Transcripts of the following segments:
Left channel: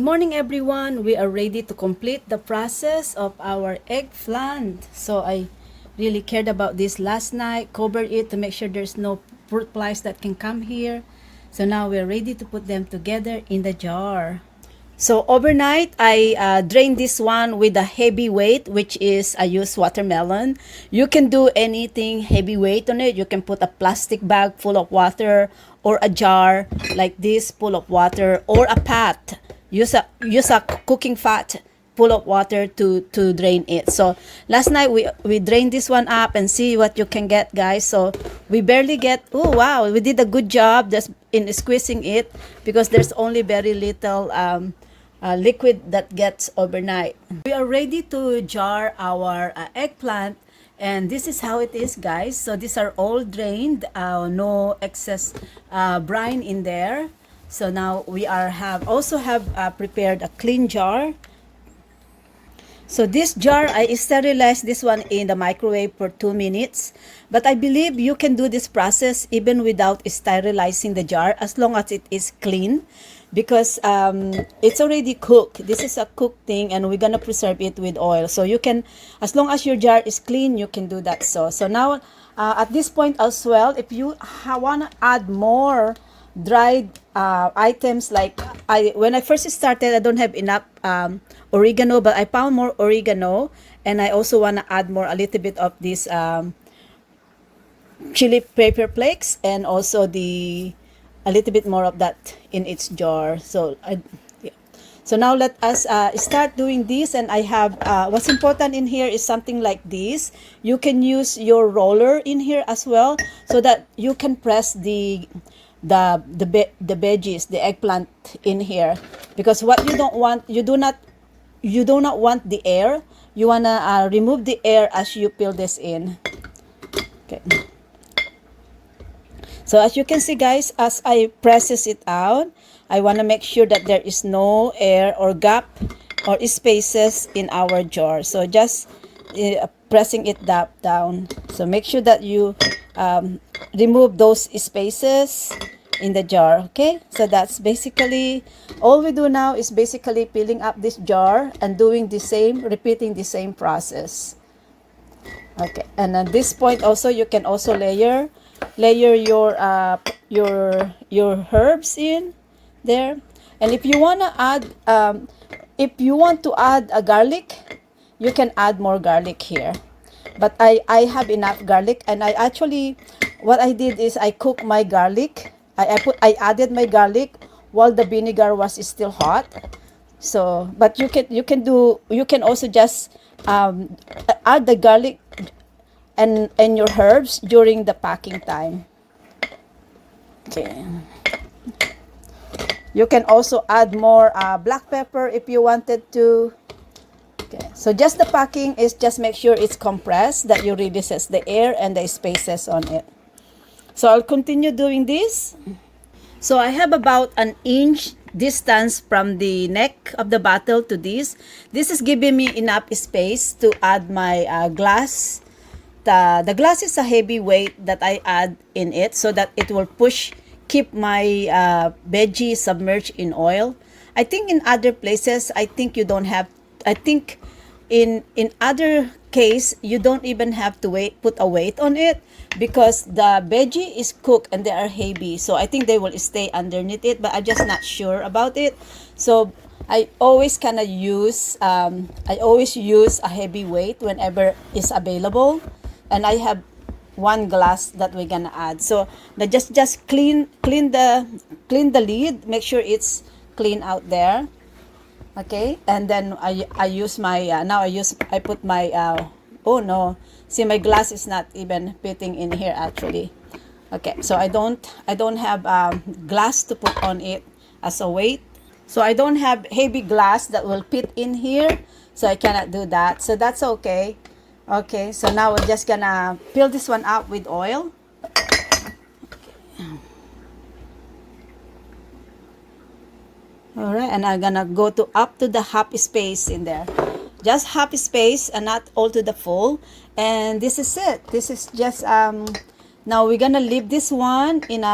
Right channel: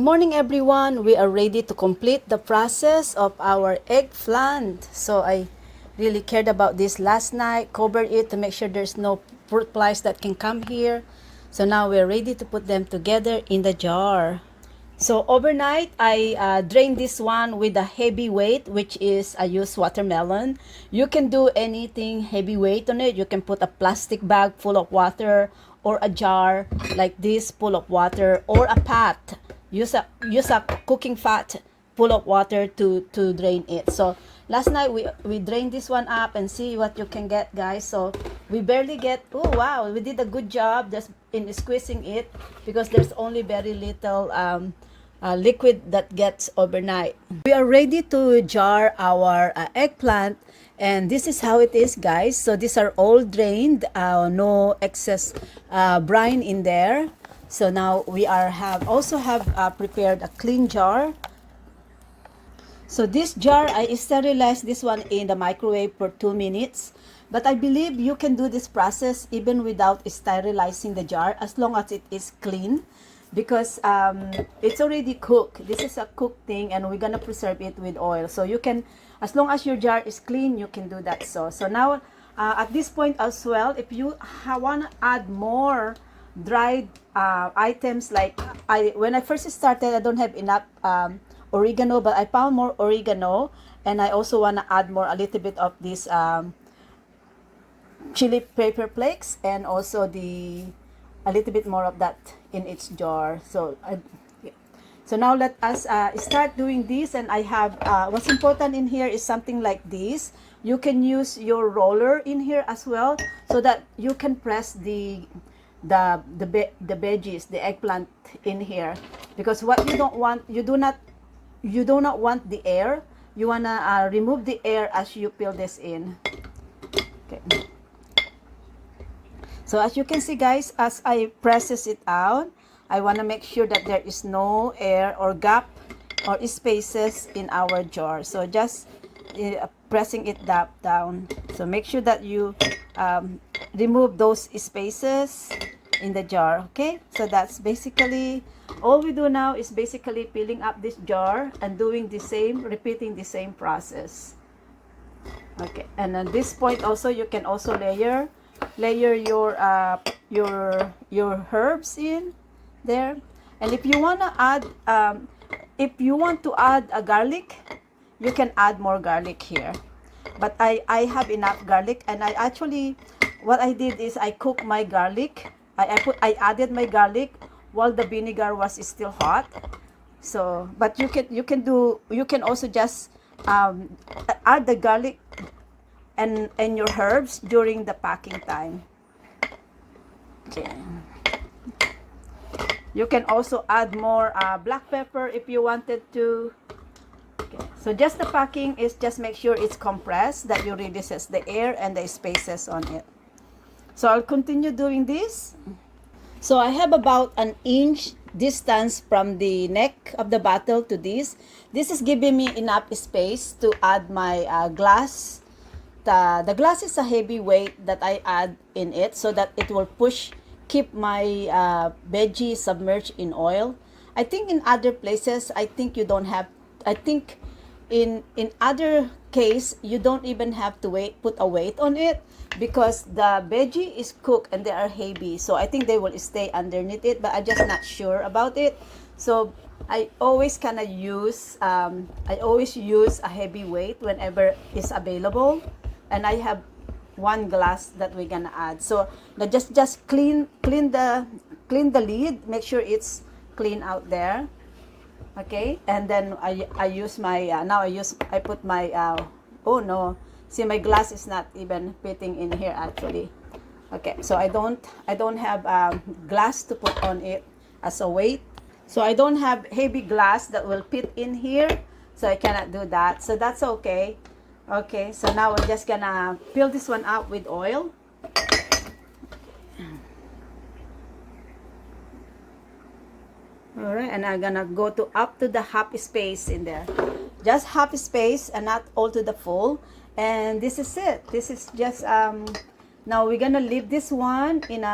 morning everyone. We are ready to complete the process of our eggplant. So I really cared about this last night, covered it to make sure there's no fruit flies that can come here. So now we're ready to put them together in the jar. So overnight, I drained this one with a heavy weight, which is I use watermelon. You can do anything heavyweight on it. You can put a plastic bag full of water or a jar like this full of water or a pot. Use a cooking fat full of water to drain it. So last night we drained this one up and see what you can get, guys. So we barely get, oh wow, we did a good job just in squeezing it because there's only very little liquid that gets overnight. We are ready to jar our eggplant, and this is how it is, guys. So these are all drained, no excess brine in there. So now we also have prepared a clean jar. So this jar, I sterilized this one in the microwave for 2 minutes. But I believe you can do this process even without sterilizing the jar as long as it is clean, because it's already cooked. This is a cooked thing and we're gonna preserve it with oil. So you can, as long as your jar is clean, you can do that. So now at this point as well, if you wanna add more dried items, like when I first started, I don't have enough oregano, but I found more oregano, and I also want to add a little bit of this chili pepper flakes, and also a little bit more of that in its jar. So yeah. So now let us start doing this. And I have what's important in here is something like this. You can use your roller in here as well, so that you can press the veggies, the eggplant in here, because what you don't want, you do not want the air. You wanna remove the air as you peel this in. Okay. So as you can see, guys, as I presses it out, I wanna make sure that there is no air or gap or spaces in our jar. So just pressing it down. So make sure that you remove those spaces in the jar. Okay, so that's basically all we do now, is basically peeling up this jar and doing the same, repeating the same process. Okay, and at this point also you can also layer your herbs in there. And if you want to add a garlic, you can add more garlic here, but I have enough garlic. And I actually, what I did is I cooked my garlic. I added my garlic while the vinegar was still hot. So but you can also just add the garlic and your herbs during the packing time. Okay, you can also add more black pepper if you wanted to. Okay. So just the packing is just make sure it's compressed, that you releases the air and the spaces on it. So I'll continue doing this. So I have about an inch distance from the neck of the bottle to this. This is giving me enough space to add my glass. The glass is a heavy weight that I add in it, so that it will keep my veggie submerged in oil. I think in other places, I think in other case, you don't even have to put a weight on it, because the veggie is cooked and they are heavy. So I think they will stay underneath it, but I'm just not sure about it. So I always use a heavy weight whenever it's available. And I have one glass that we're gonna add. So just clean the lid, make sure it's clean out there. Okay, and then I use my I put my oh no, see, my glass is not even fitting in here actually. Okay, so I don't have glass to put on it as a weight. So I don't have heavy glass that will fit in here, so I cannot do that. So that's okay. Okay, so now we're just gonna fill this one up with oil. All right, and I'm gonna go up to the half space in there, just half space and not all to the full. And this is it. This is just now we're gonna leave this one in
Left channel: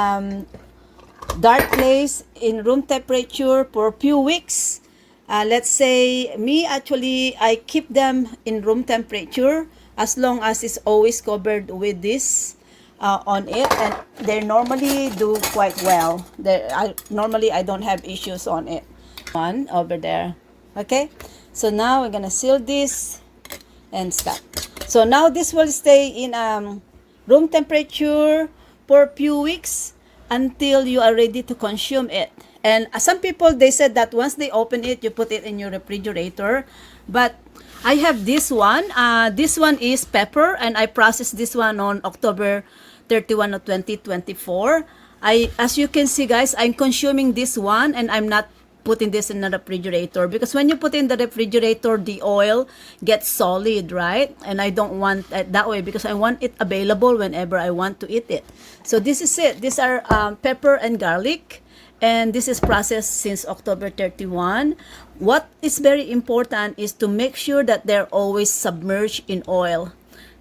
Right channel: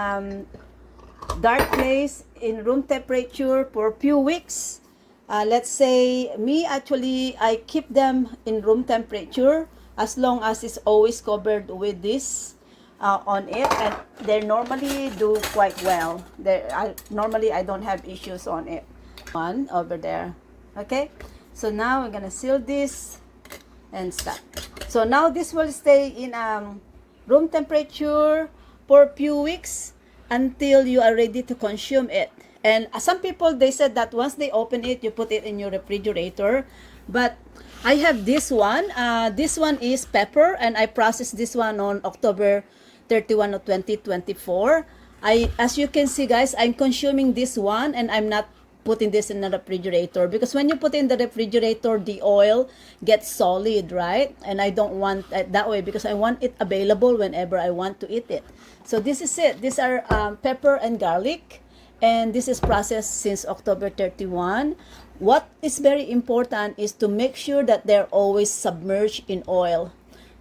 dark place in room temperature for a few weeks. let's say me, actually I keep them in room temperature as long as it's always covered with this on it, and they normally do quite well. Normally I don't have issues on it. One over there. Okay, so now we're gonna seal this and stop. So now this will stay in room temperature for a few weeks until you are ready to consume it. And some people, they said that once they open it, you put it in your refrigerator. But I have this one. This one is pepper, and I processed this one on October 31 of 2024. As you can see, guys, I'm consuming this one, and I'm not putting this in the refrigerator, because when you put in the refrigerator, the oil gets solid, right? And I don't want it that way, because I want it available whenever I want to eat it. So this is it. These are pepper and garlic, and this is processed since October 31. What is very important is to make sure that they're always submerged in oil,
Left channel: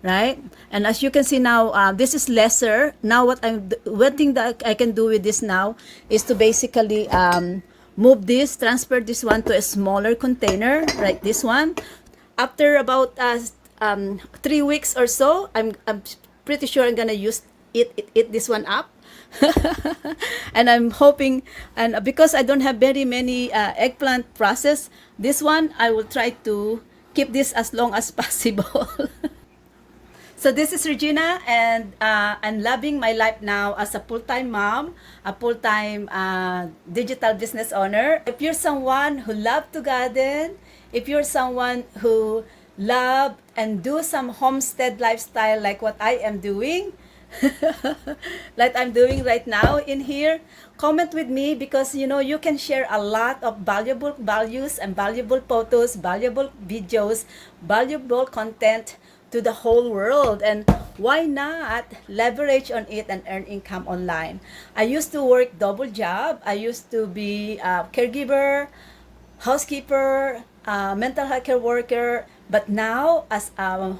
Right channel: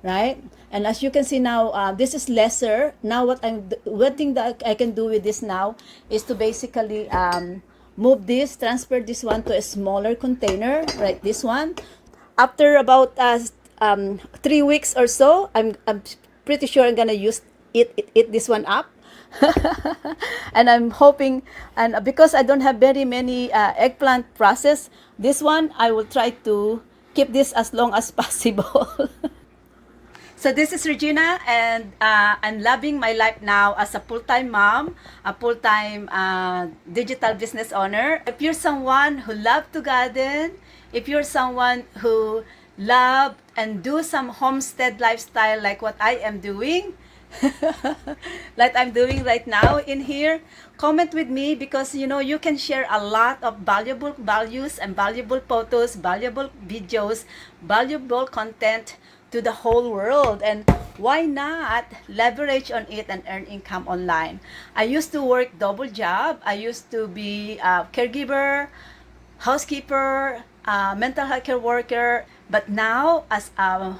right? And as you can see now, this is lesser. Now one thing that I can do with this now is to basically transfer this one to a smaller container, like this one. After about 3 weeks or so, I'm pretty sure I'm gonna eat this one up. And I'm hoping, and because I don't have very many eggplant process, this one I will try to keep this as long as possible. So this is Regina, and I'm loving my life now as a full-time mom, a full-time digital business owner. If you're someone who loves to garden, if you're someone who love and do some homestead lifestyle like what I am doing, like I'm doing right now in here, comment with me, because you can share a lot of valuable values and valuable photos, valuable videos, valuable content to the whole world. And why not leverage on it and earn income online? I used to work double job. I used to be a caregiver, housekeeper, mental health care worker, but now as a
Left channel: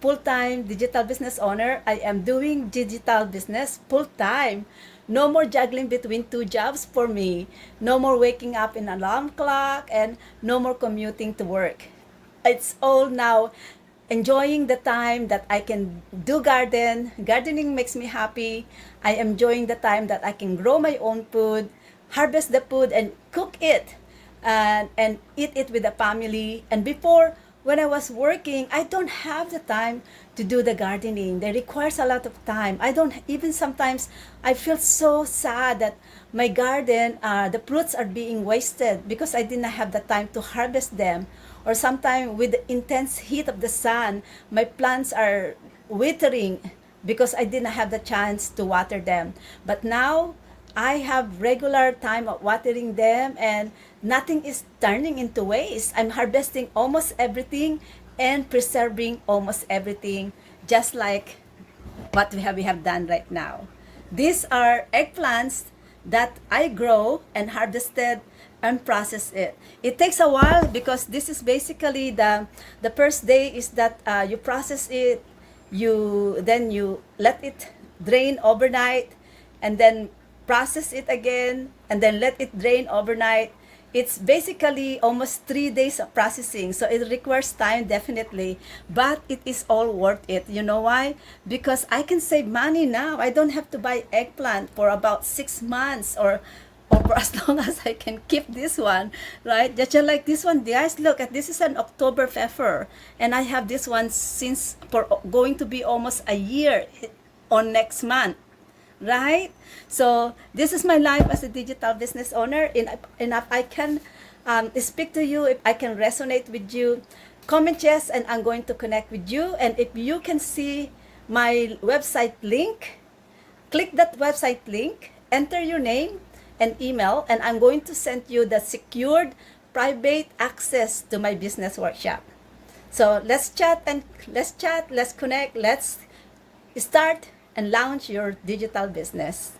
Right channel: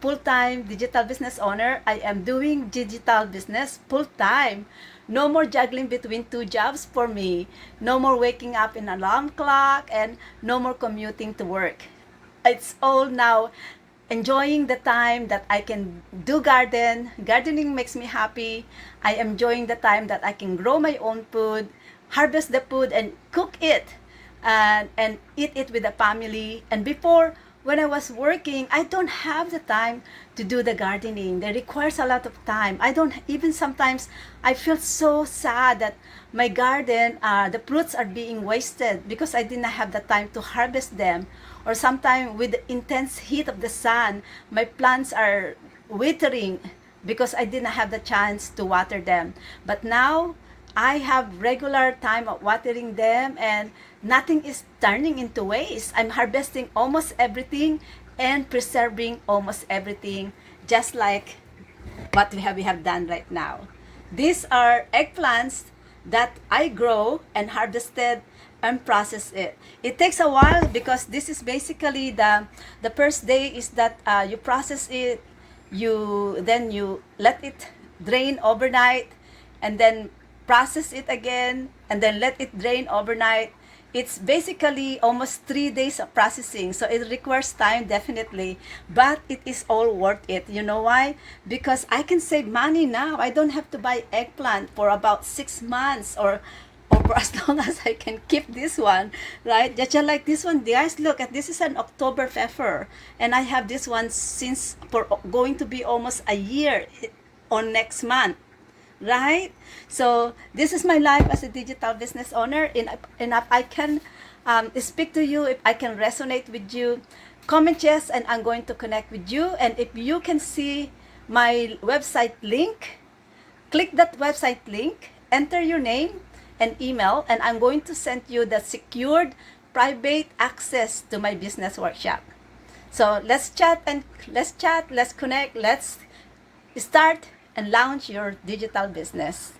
full-time digital business owner, I am doing digital business full-time. No more juggling between 2 jobs for me. No more waking up in an alarm clock, and no more commuting to work. It's all now enjoying the time that I can do garden. Gardening makes me happy. I am enjoying the time that I can grow my own food, harvest the food, and cook it, and eat it with the family. And before, when I was working, I don't have the time to do the gardening. That requires a lot of time. I don't even, sometimes I feel so sad that my garden, the fruits are being wasted because I didn't have the time to harvest them. Or sometimes with the intense heat of the sun, my plants are withering because I didn't have the chance to water them. But now I have regular time of watering them, and nothing is turning into waste. I'm harvesting almost everything and preserving almost everything, just like what we have done right now. These are eggplants that I grow and harvested and process it. It takes a while, because this is basically the first day is that you process it, then you let it drain overnight, and then process it again, and then let it drain overnight. It's basically almost 3 days of processing, so it requires time, definitely, but it is all worth it. You know why? Because I can save money now. I don't have to buy eggplant for about 6 months, or for as long as I can keep this one, right? Just like this one, guys, look at this. Is an October pepper, and I have this one since for going to be almost a year on next month, right? So this is my life as a digital business owner. And if I can speak to you, if I can resonate with you, comment yes, and I'm going to connect with you. And if you can see my website link, click that website link, enter your name and email, and I'm going to send you the secured private access to my business workshop. So let's chat, let's connect, let's start and launch your digital business.